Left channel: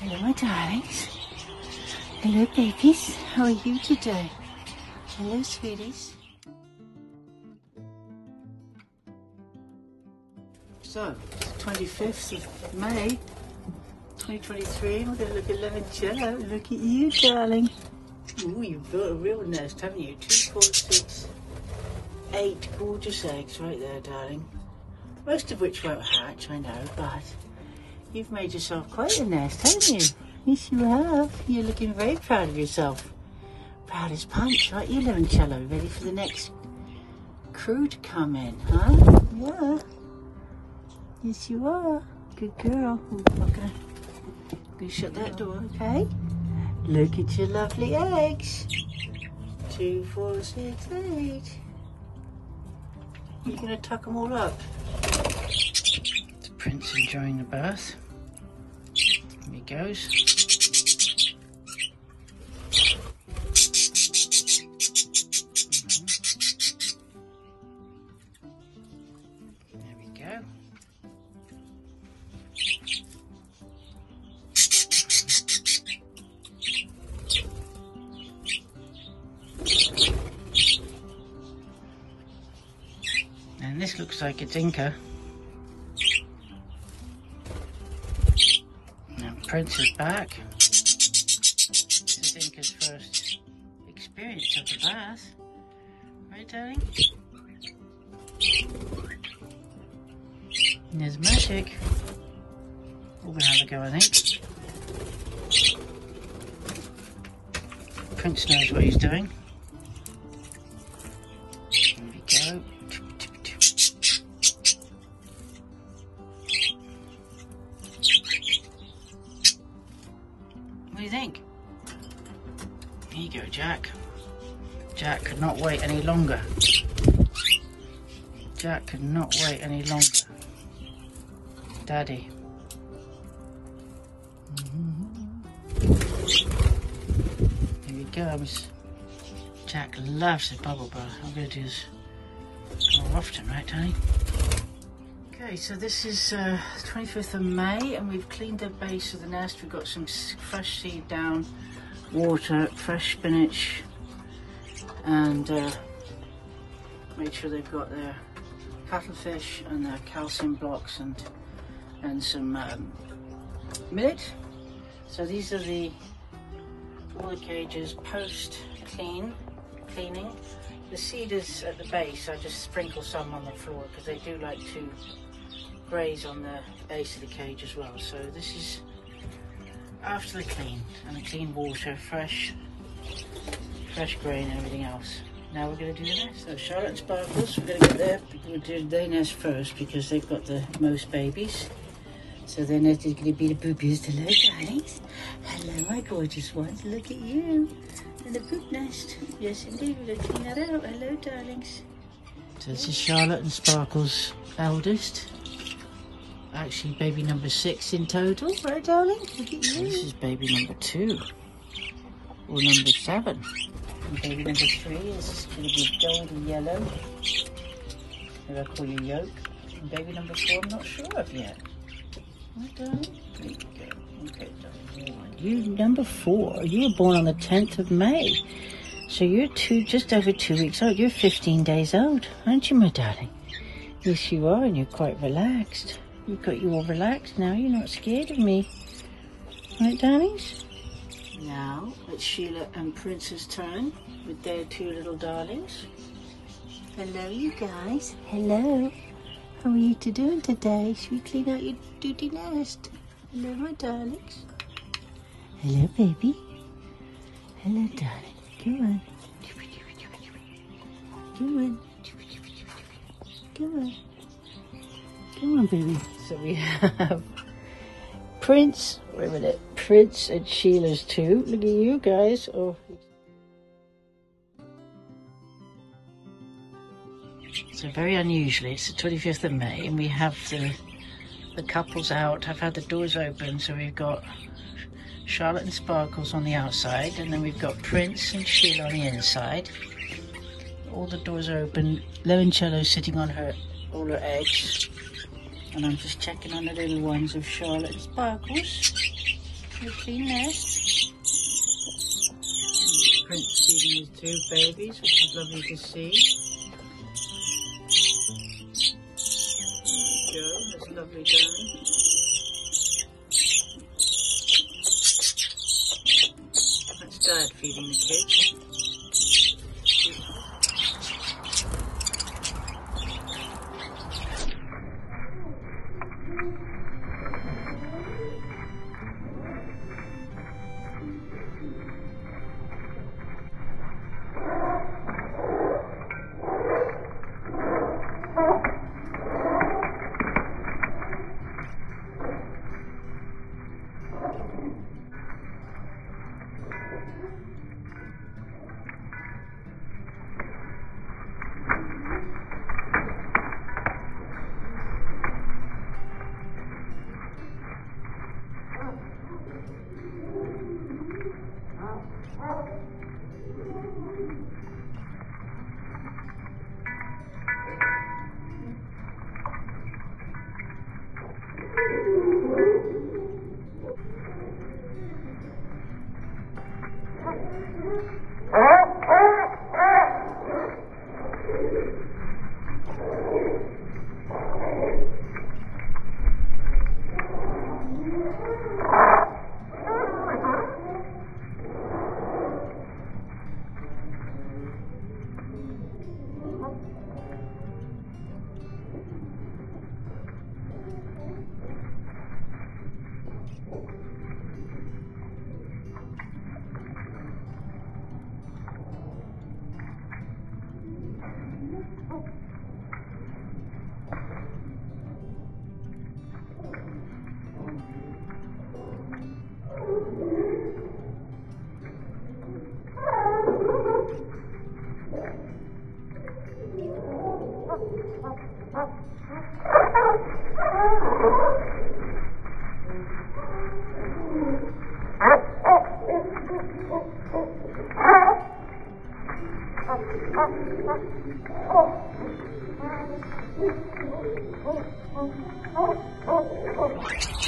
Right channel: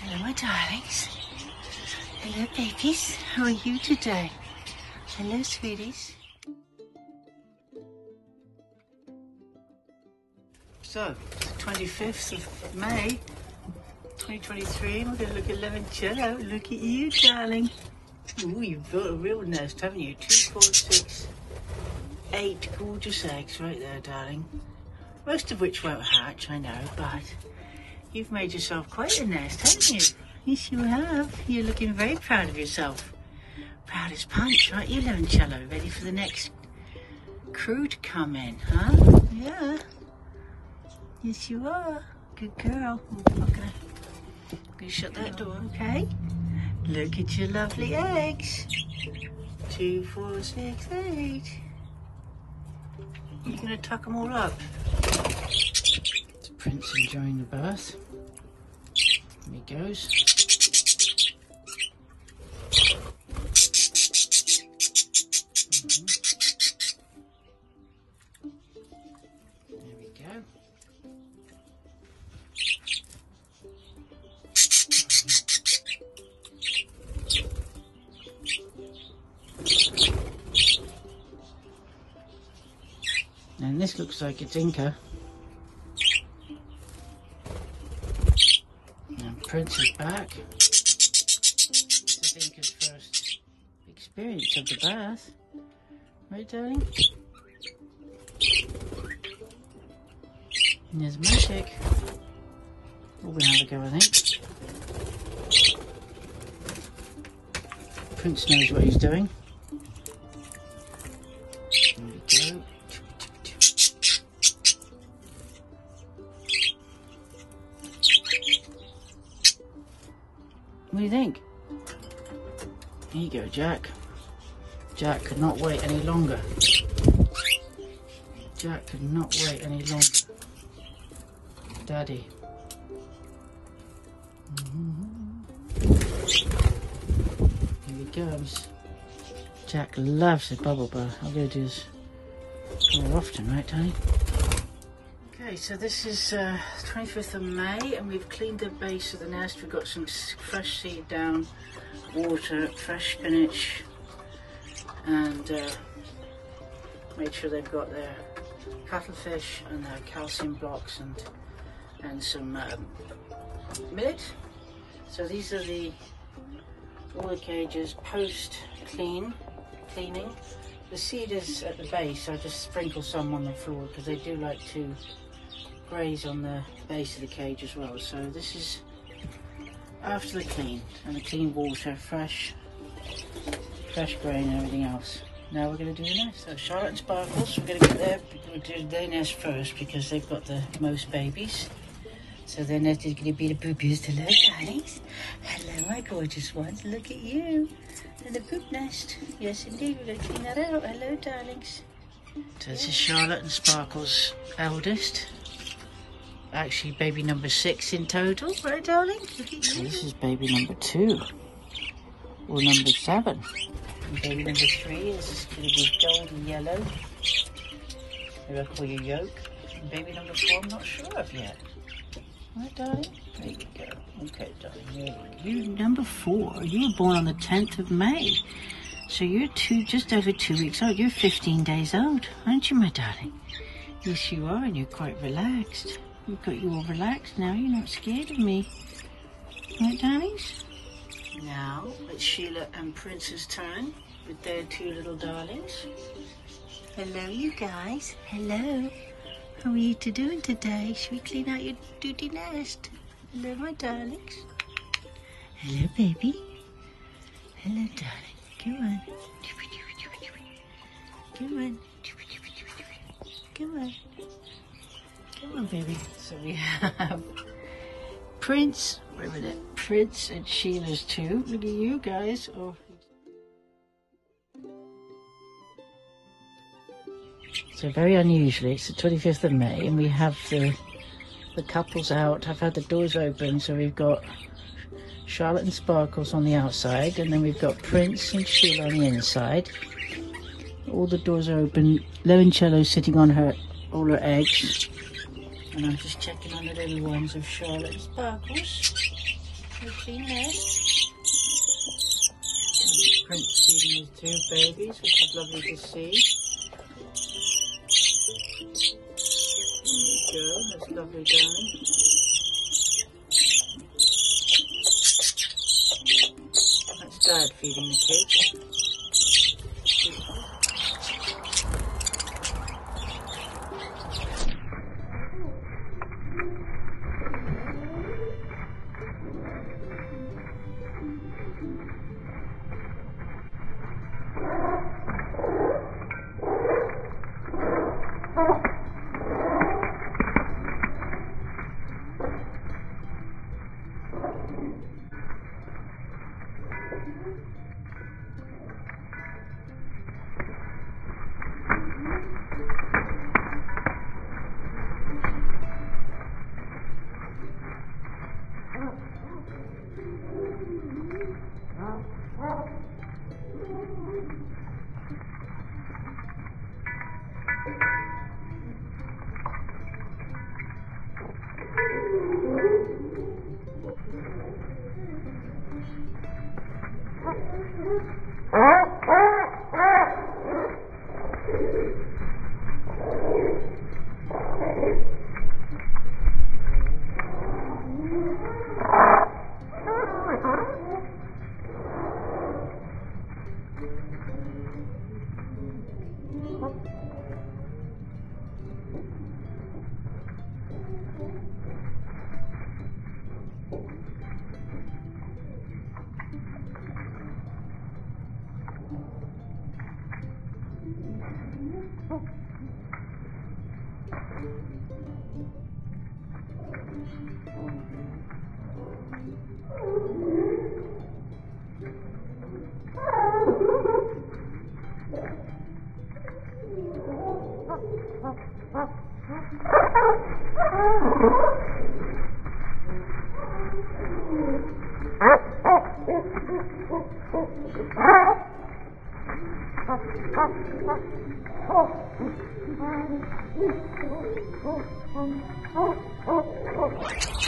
Hello, my darlings. Hello, babies. How are you today? Hello, sweeties. So, 25th of May, 2023. We're going to look at limoncello. Look at you, darling. Ooh, you've built a real nest, haven't you? 2, 4, 6, 8 gorgeous eggs right there, darling. Most of which won't hatch, I know, but you've made yourself quite a nest, haven't you? Yes, you have. You're looking very proud of yourself. Proud as punch, aren't you, limoncello? Ready for the next crew to come in, huh? Yeah. Yes, you are. Good girl. Okay. You shut that door, okay? Look at your lovely eggs. 2, 4, 6, 8. You're going to tuck them all up. The prince enjoying the bath. Here he goes. There we go. And this looks like a tinker. And Prince is back. This is Tinker's first experience of the bath. Right, darling? And there's Magic. We're going to have a go, I think. Prince knows what he's doing. There we go. What do you think? Here you go, Jack. Jack could not wait any longer. Jack could not wait any longer. Daddy. Here he goes. Jack loves the bubble bath. I'm going to do this more often, right, Tony? Okay, so this is 25th of May, and we've cleaned the base of the nest. We've got some fresh seed down, water, fresh spinach, and made sure they've got their cuttlefish and their calcium blocks and some millet. So these are all the cages post cleaning. The seed is at the base. I just sprinkle some on the floor because they do like to graze on the base of the cage as well. So this is after the clean, and the clean water, fresh grain and everything else. Now we're going to do the nest. So Charlotte and Sparkles, we're going to get we'll do their nest first because they've got the most babies. So their nest is going to be the boobies. Hello, darlings. Hello, my gorgeous ones. Look at you. And the poop nest. Yes, indeed. We're going to clean that out. Hello, darlings. So this is Charlotte and Sparkles' eldest. Actually, baby number 6 in total, right, darling? Look at you. So this is baby number 2, or number 7. And baby number 3 is going to be golden yellow. Maybe I'll call you yolk. And baby number 4, I'm not sure of yet. Right, darling? There you go. Okay, darling. There you go. You number 4. You were born on the 10th of May. So you're just over 2 weeks old. You're 15 days old, aren't you, my darling? Yes, you are, and you're quite relaxed. We've got you all relaxed now. You're not scared of me. Right, darlings? Now, it's Sheila and Prince's turn with their 2 little darlings. Hello, you guys. Hello. How are you doing today? Should we clean out your duty nest? Hello, my darlings. Hello, baby. Hello, darling. Come on. Come on. Come on. Come on, baby. So we have Prince, wait a minute, Prince and Sheila's 2. Look at you guys. Oh. So very unusually, it's the 25th of May, and we have the couples out. I've had the doors open, so we've got Charlotte and Sparkles on the outside, and then we've got Prince and Sheila on the inside. All the doors are open. Limoncello's sitting on all her eggs. And I'm just checking on the little ones of Charlotte and Sparkles. You've seen this. Prince feeding his two babies, which is lovely to see. There we go, that's lovely going. That's Dad feeding the kids. Oh,